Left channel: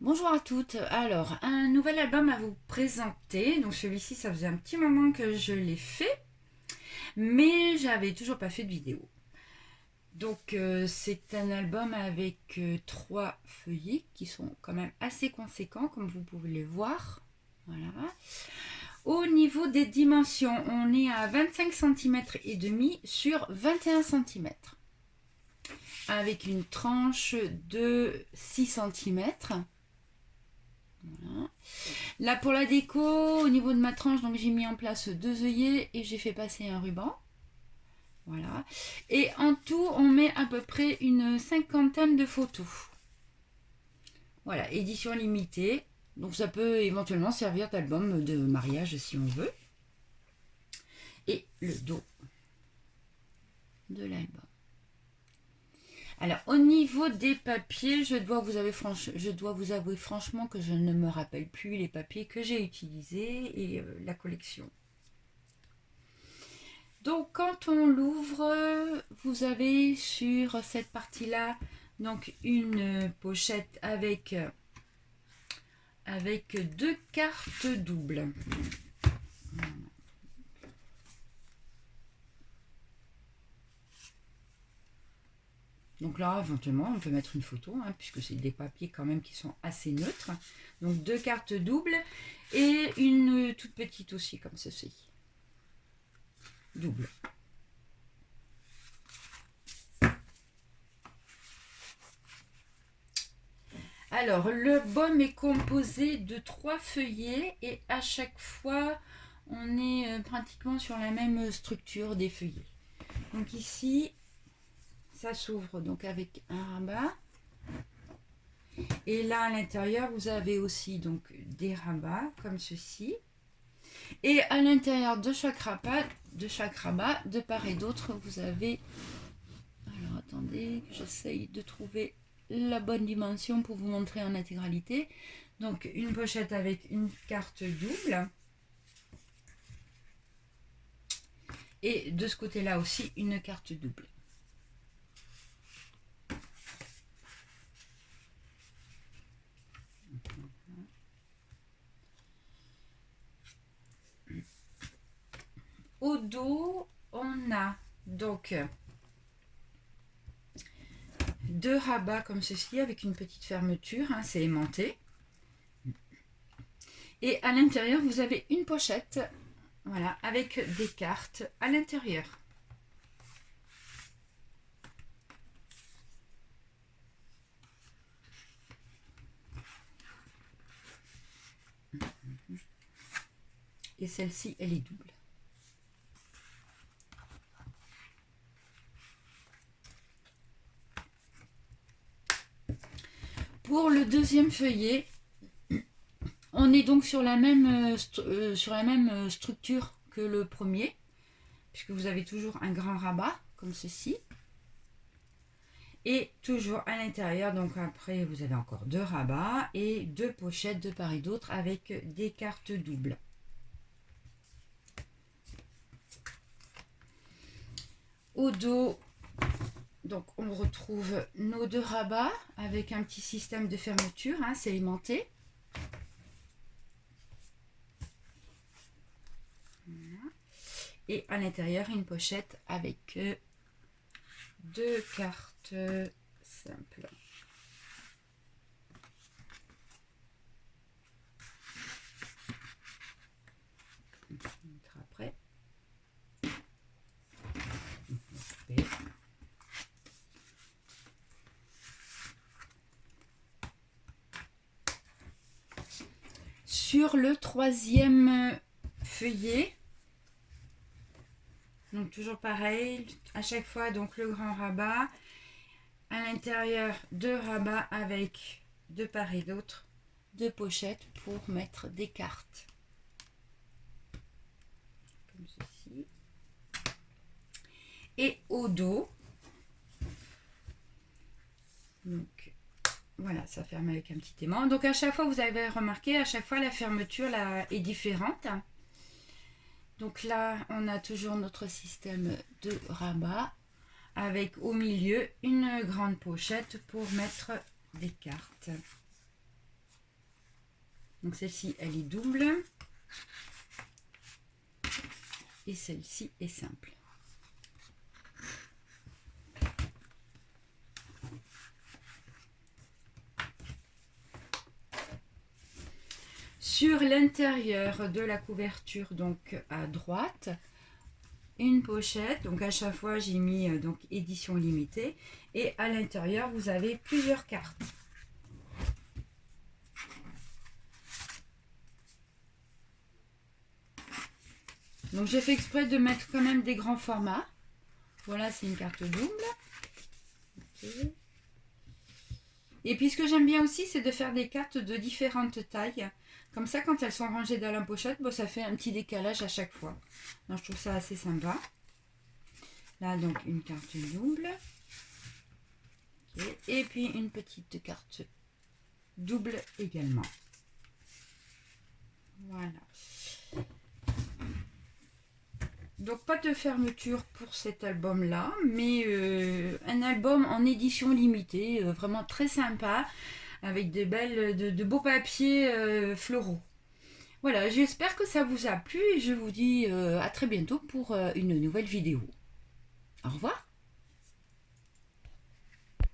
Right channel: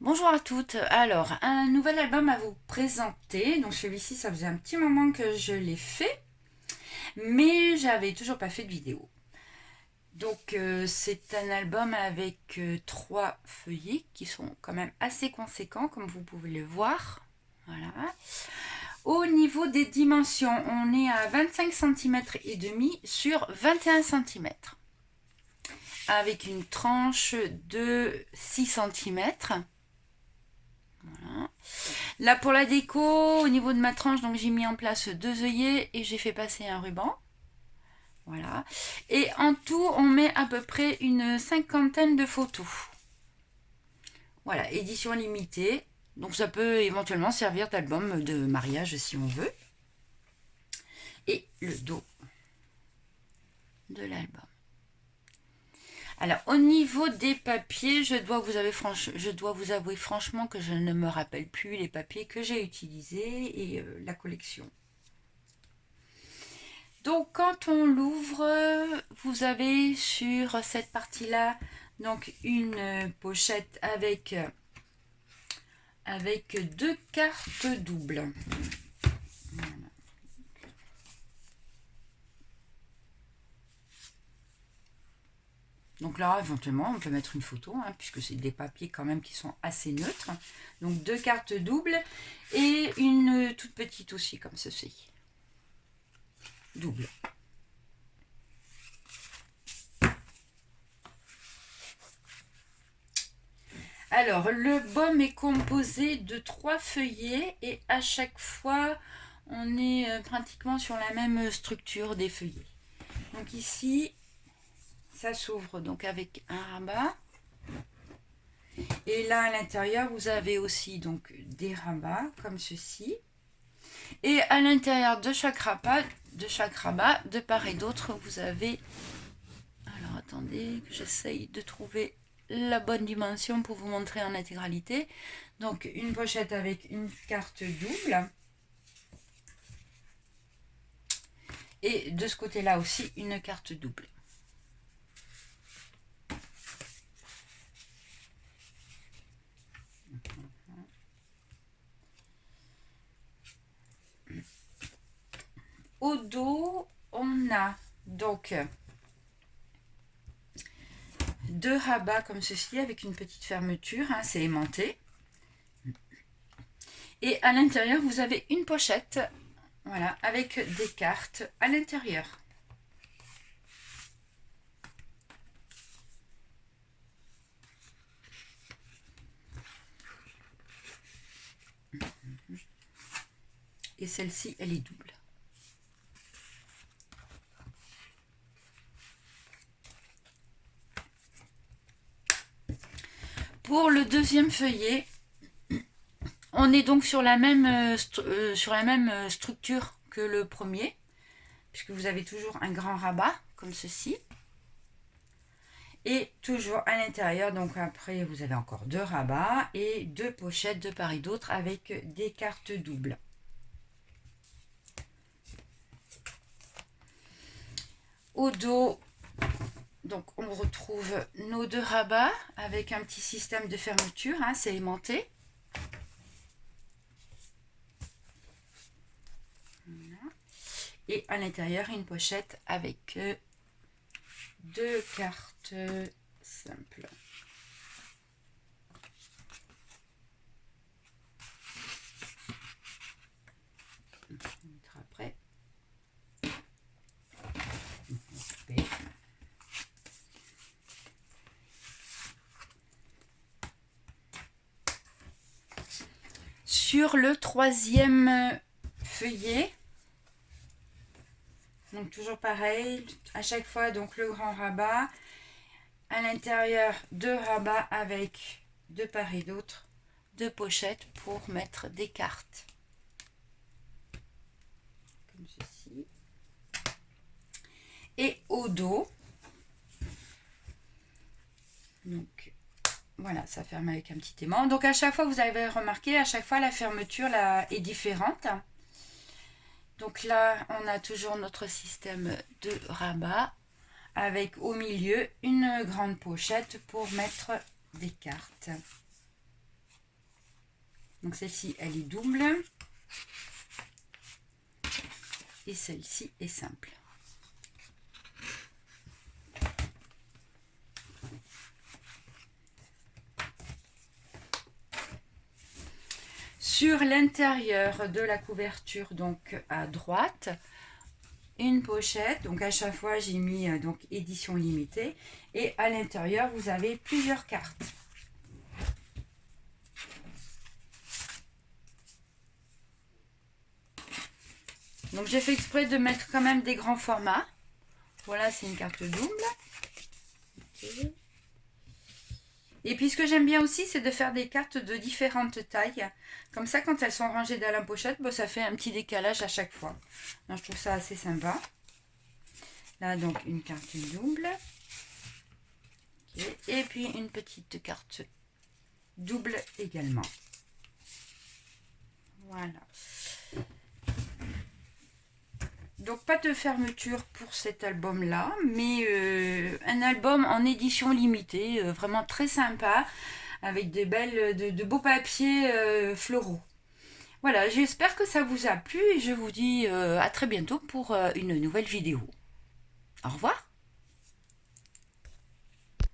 Bonjour à toutes. Alors, un nouvel album à vous présenter. Donc celui-ci, ça faisait un petit moment que je l'ai fait, mais j'avais toujours pas fait de vidéo. Donc c'est un album avec trois feuillets qui sont quand même assez conséquents, comme vous pouvez le voir. Voilà. Au niveau des dimensions, on est à 25 cm et demi sur 21 cm, avec une tranche de 6 cm. Voilà. Là pour la déco, au niveau de ma tranche, donc j'ai mis en place deux œillets et j'ai fait passer un ruban. Voilà. Et en tout, on met à peu près une cinquantaine de photos. Voilà, édition limitée. Donc ça peut éventuellement servir d'album de mariage si on veut. Et le dos de l'album. Alors au niveau des papiers, je dois vous avouer franchement que je ne me rappelle plus les papiers que j'ai utilisés et la collection. Donc quand on l'ouvre, vous avez sur cette partie-là donc une pochette avec deux cartes doubles. Voilà. Donc là, éventuellement, on peut mettre une photo, hein, puisque c'est des papiers quand même qui sont assez neutres. Donc deux cartes doubles et une toute petite aussi, comme ceci. Double. Alors, le baume est composé de trois feuillets et à chaque fois, on est pratiquement sur la même structure des feuillets. Donc ici, ça s'ouvre donc avec un rabat. Et là, à l'intérieur, vous avez aussi donc des rabats comme ceci. Et à l'intérieur de chaque rabat, de part et d'autre, vous avez... Alors, attendez, que j'essaye de trouver la bonne dimension pour vous montrer en intégralité. Donc, une pochette avec une carte double. Et de ce côté-là aussi, une carte double. Au dos, on a donc deux rabats comme ceci avec une petite fermeture, hein, c'est aimanté. Et à l'intérieur, vous avez une pochette, voilà, avec des cartes à l'intérieur. Et celle-ci, elle est double. Pour le deuxième feuillet, on est donc sur la même structure que le premier, puisque vous avez toujours un grand rabat, comme ceci. Et toujours à l'intérieur, donc après vous avez encore deux rabats et deux pochettes de part et d'autre avec des cartes doubles. Au dos, donc on retrouve nos deux rabats avec un petit système de fermeture, hein, c'est aimanté. Voilà. Et à l'intérieur, une pochette avec deux cartes simples. On mettra après. Sur le troisième feuillet, donc toujours pareil, à chaque fois donc le grand rabat, à l'intérieur deux rabats avec de part et d'autre deux pochettes pour mettre des cartes. Comme ceci. Et au dos, donc voilà, ça ferme avec un petit aimant. Donc à chaque fois, vous avez remarqué, à chaque fois la fermeture là est différente. Donc là, on a toujours notre système de rabat avec au milieu une grande pochette pour mettre des cartes. Donc celle-ci, elle est double. Et celle-ci est simple. Sur l'intérieur de la couverture, donc à droite, une pochette. Donc à chaque fois, j'ai mis donc édition limitée. Et à l'intérieur, vous avez plusieurs cartes. Donc j'ai fait exprès de mettre quand même des grands formats. Voilà, c'est une carte double. Okay. Et puis ce que j'aime bien aussi, c'est de faire des cartes de différentes tailles. Comme ça, quand elles sont rangées dans la pochette, bon, ça fait un petit décalage à chaque fois. Donc, je trouve ça assez sympa. Là, donc, une carte double. Okay. Et puis, une petite carte double également. Voilà. Donc, pas de fermeture pour cet album-là, mais un album en édition limitée, vraiment très sympa, avec de beaux papiers floraux. Voilà, j'espère que ça vous a plu et je vous dis à très bientôt pour une nouvelle vidéo. Au revoir.